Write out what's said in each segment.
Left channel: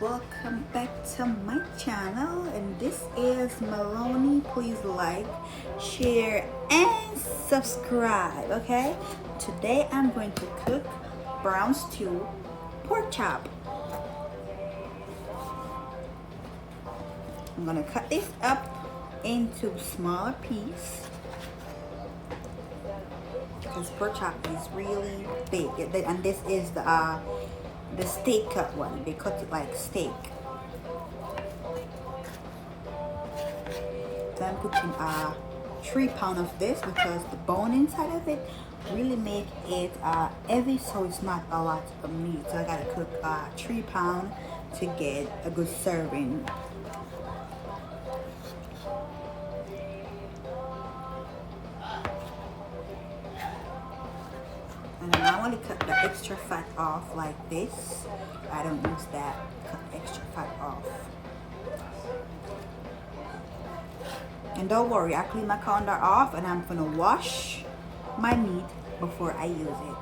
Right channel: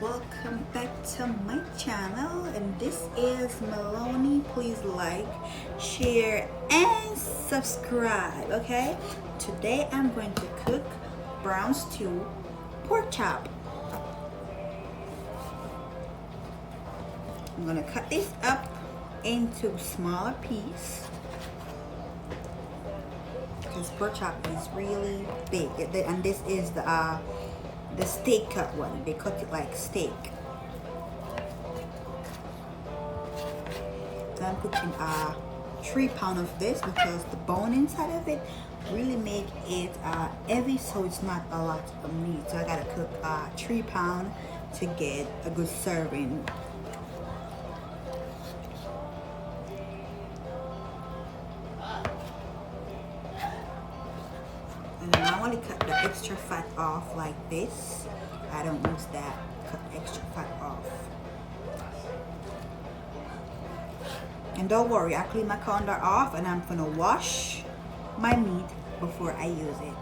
welcome back to my channel, and this is Melloney. Please like, share and subscribe. Okay, today I'm going to cook brown stew pork chop. I'm gonna cut this up into smaller pieces. This pork chop is really big, and this is the steak cut one. They cut it like steak. So I'm putting 3 pounds of this because the bone inside of it really make it heavy, so it's not a lot of meat. So I gotta cook 3 pounds to get a good serving. And I want to cut the extra fat off like this. I don't use that. Cut extra fat off. And don't worry, I clean my colander off, and I'm gonna wash my meat before I use it.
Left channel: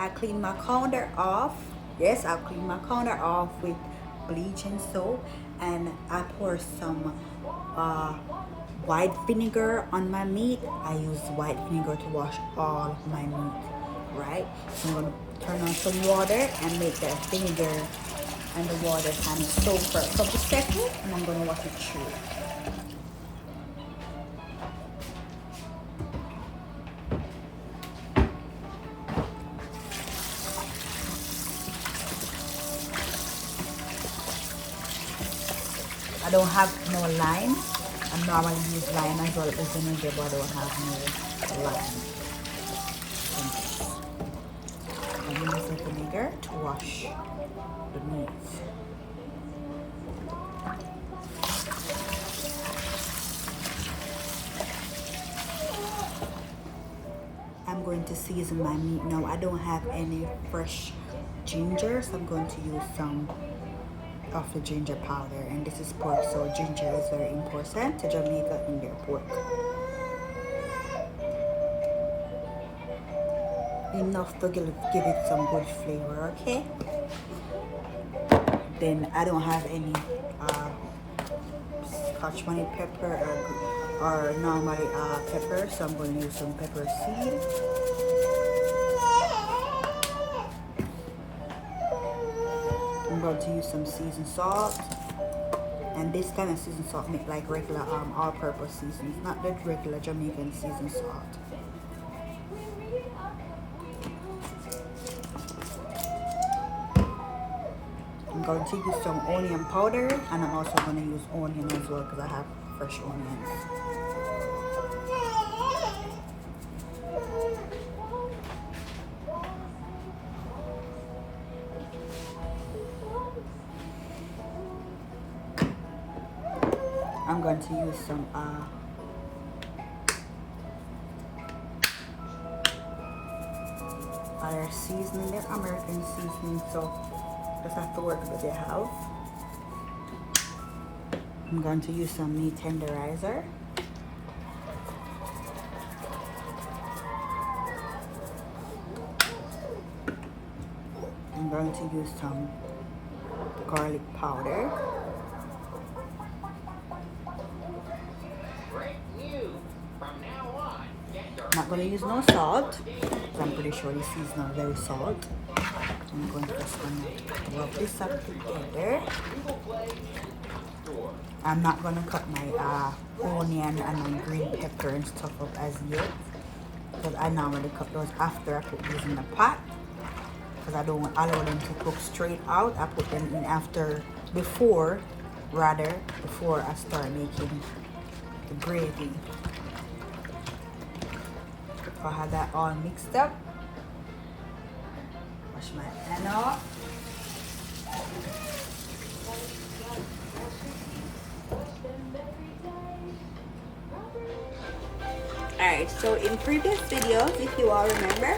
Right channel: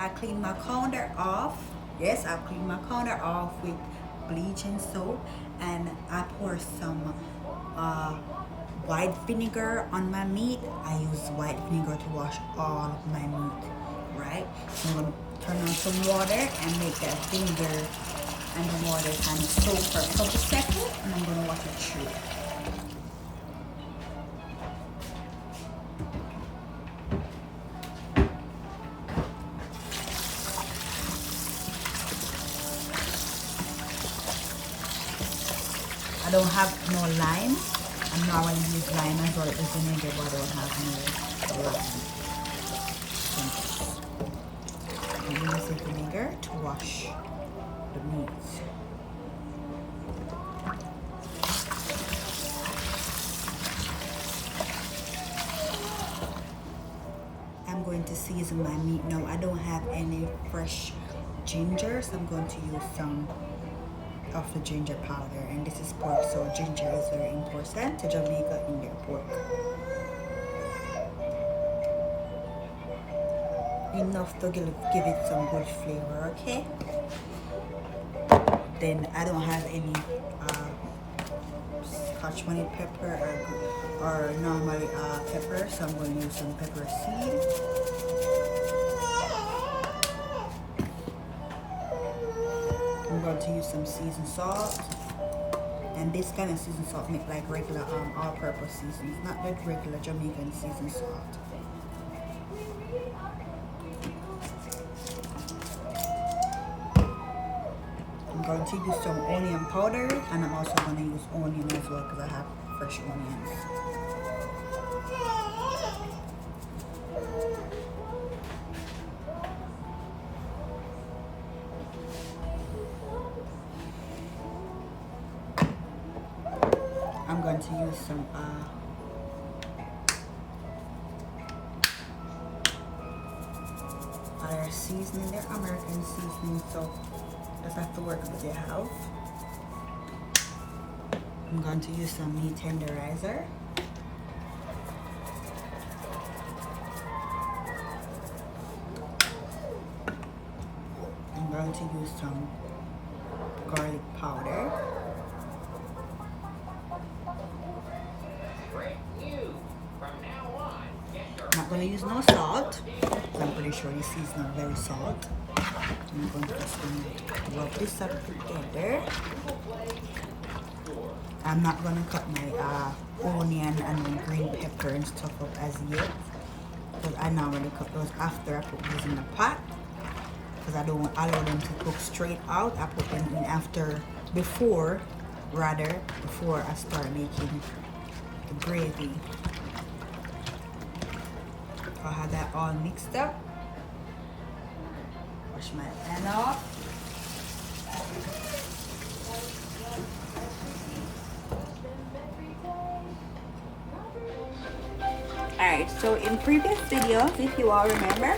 I clean my colander off. Yes, I clean my colander off with bleach and soap, and I pour some white vinegar on my meat. I use white vinegar to wash all my meat, right? So I'm gonna turn on some water and make that vinegar and the water kind of soak for a couple seconds, and I'm gonna wash it through. I don't have no lime. I normally use lime as well as vinegar, but I don't have no lime. I'm using vinegar to wash the meat. I'm going to season my meat now. I don't have any fresh ginger, so I'm going to use some of the ginger powder, and this is pork, so ginger is very important to Jamaica in their pork. Enough to give it some good flavor, okay? Then I don't have any scotch bonnet pepper or normal pepper, so I'm going to use some pepper seed. I'm going to use some seasoned salt, and this kind of seasoned salt make like regular all-purpose seasons, not the regular Jamaican seasoned salt. I'm going to use some onion powder, and I'm also going to use onion as well because I have fresh onions. I'm going to use some other seasoning. They're American seasoning, so just have to work with what they have. I'm going to use some meat tenderizer. I'm going to use some garlic powder. Not going to use no salt because I'm pretty sure this is not very salt. I'm going to just rub this up together. I'm not going to cut my onion and green pepper and stuff up as yet because I normally cut those after I put these in the pot, because I don't allow them to cook straight out. I put them in before I start making the gravy. I have that all mixed up. Wash my pan off. Alright, so in previous videos, if you all remember,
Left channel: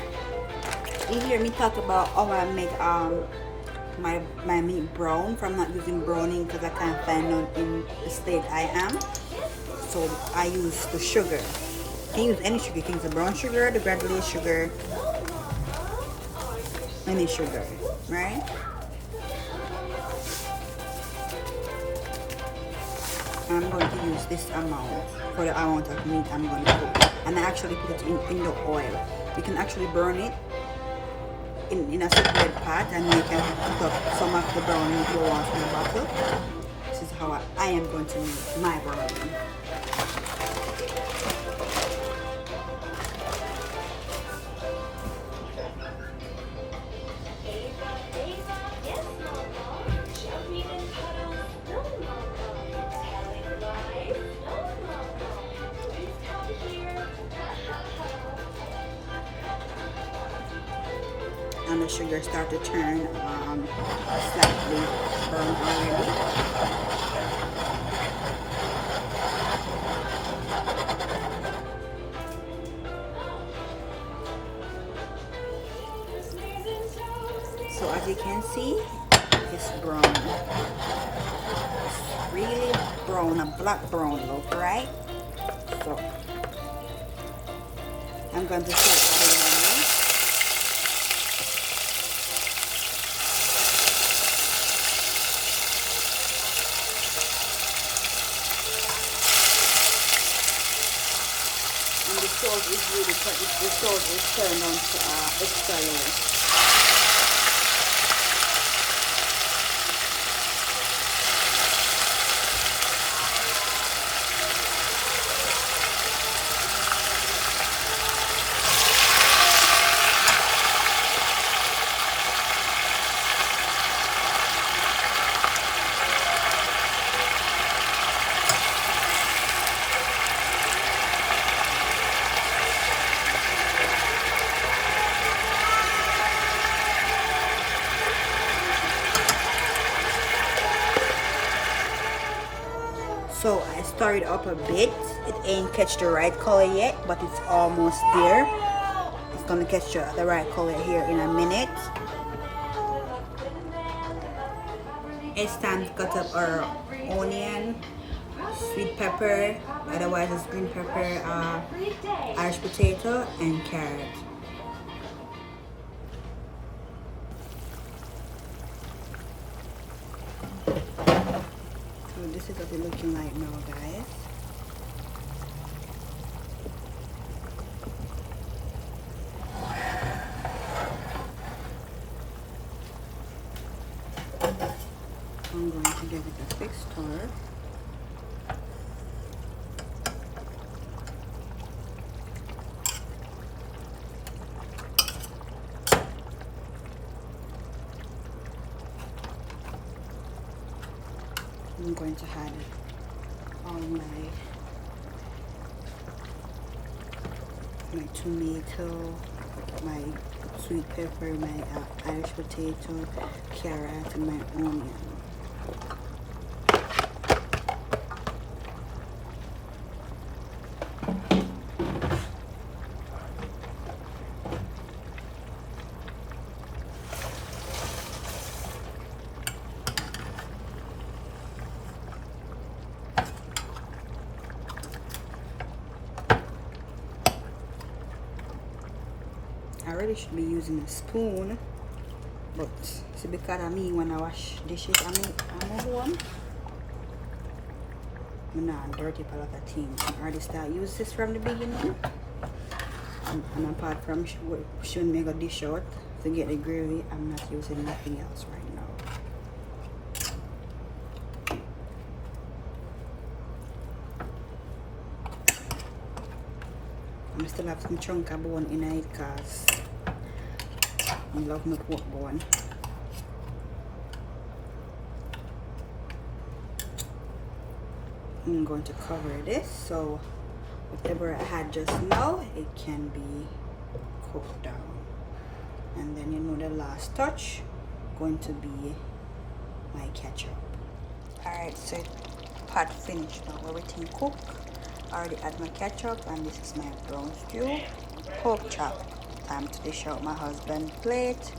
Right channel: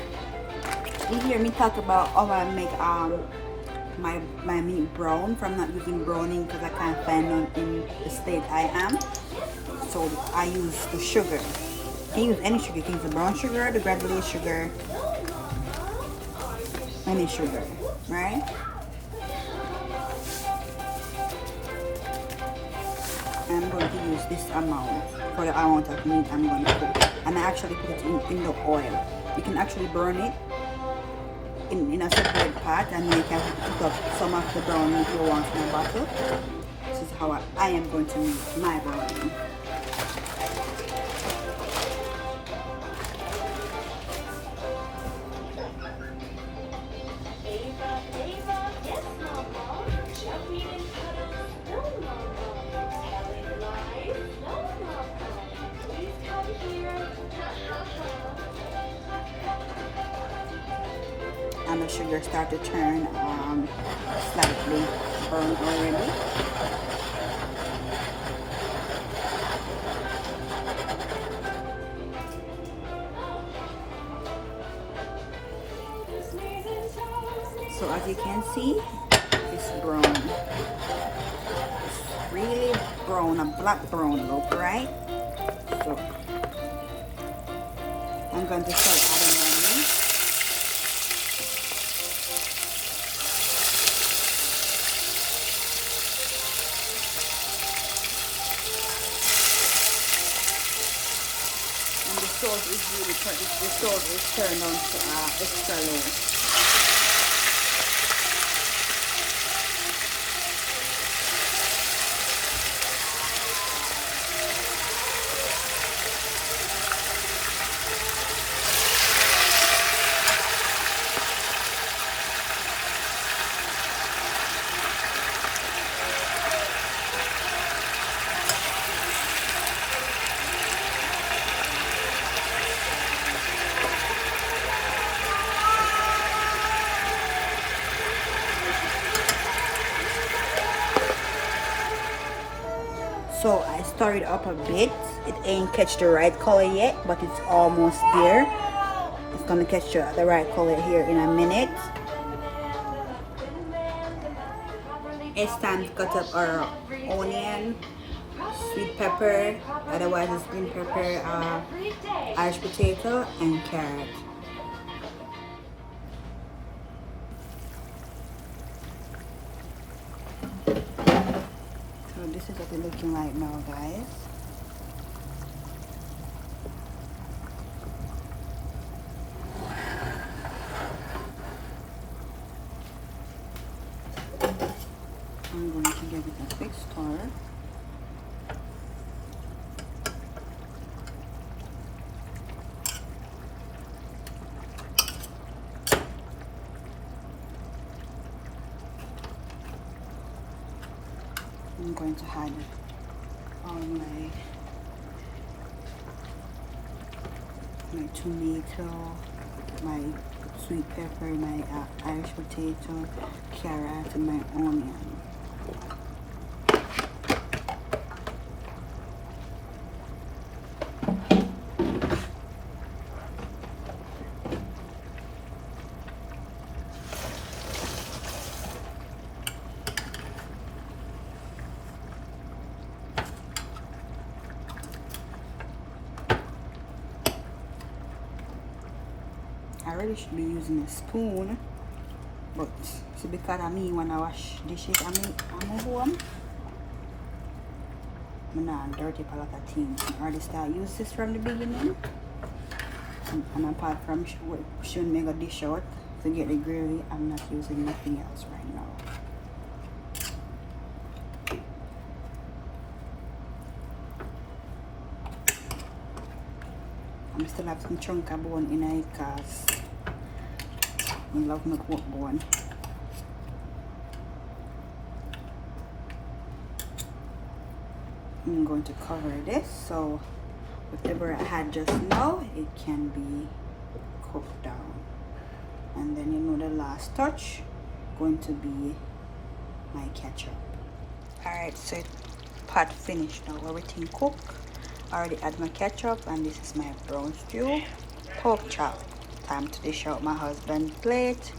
you hear me talk about how I make my meat brown from not using browning because I can't find none in the state I am. So I use the sugar. You can use any sugar. You can use the brown sugar, the granulated sugar, any sugar. right? And I'm going to use this amount for the amount of meat I'm going to cook. And I actually put it in the oil. You can actually burn it in a separate pot, and you can put up some of the brown meat you want in a bottle. This is how I am going to make my brownie. And the sugar start to turn slightly brown already. So as you can see, it's brown. It's really brown, a black brown look, right? So I'm going to start adding onions. And the sauce is really, the sauce is turned on to extra low. So I stirred up a bit. It ain't catch the right color yet, but it's almost there. It's gonna catch the right color here in a minute. It's time to cut up our onion, sweet pepper, otherwise it's green pepper, Irish potato, and carrot. This is what it's looking like now, guys. I'm going to give it a quick stir. I'm going to add my tomato, my sweet pepper, my Irish potato, carrot, and my onion. I really should be using a spoon, but see, because of me when I wash dishes I'm home, I'm not dirty for like a team. I already start use this from the beginning, and apart from shouldn't make a dish out to get the gravy, I'm not using nothing else right now. I still have some chunk of bone in it because I love my pork bone. I'm going to cover this so whatever I had just now, it can be cooked down. And then you know the last touch going to be my ketchup. Alright, so pot finished now, everything cooked. I already add my ketchup, and this is my brown stew pork chop. Time to dish out my husband's plate.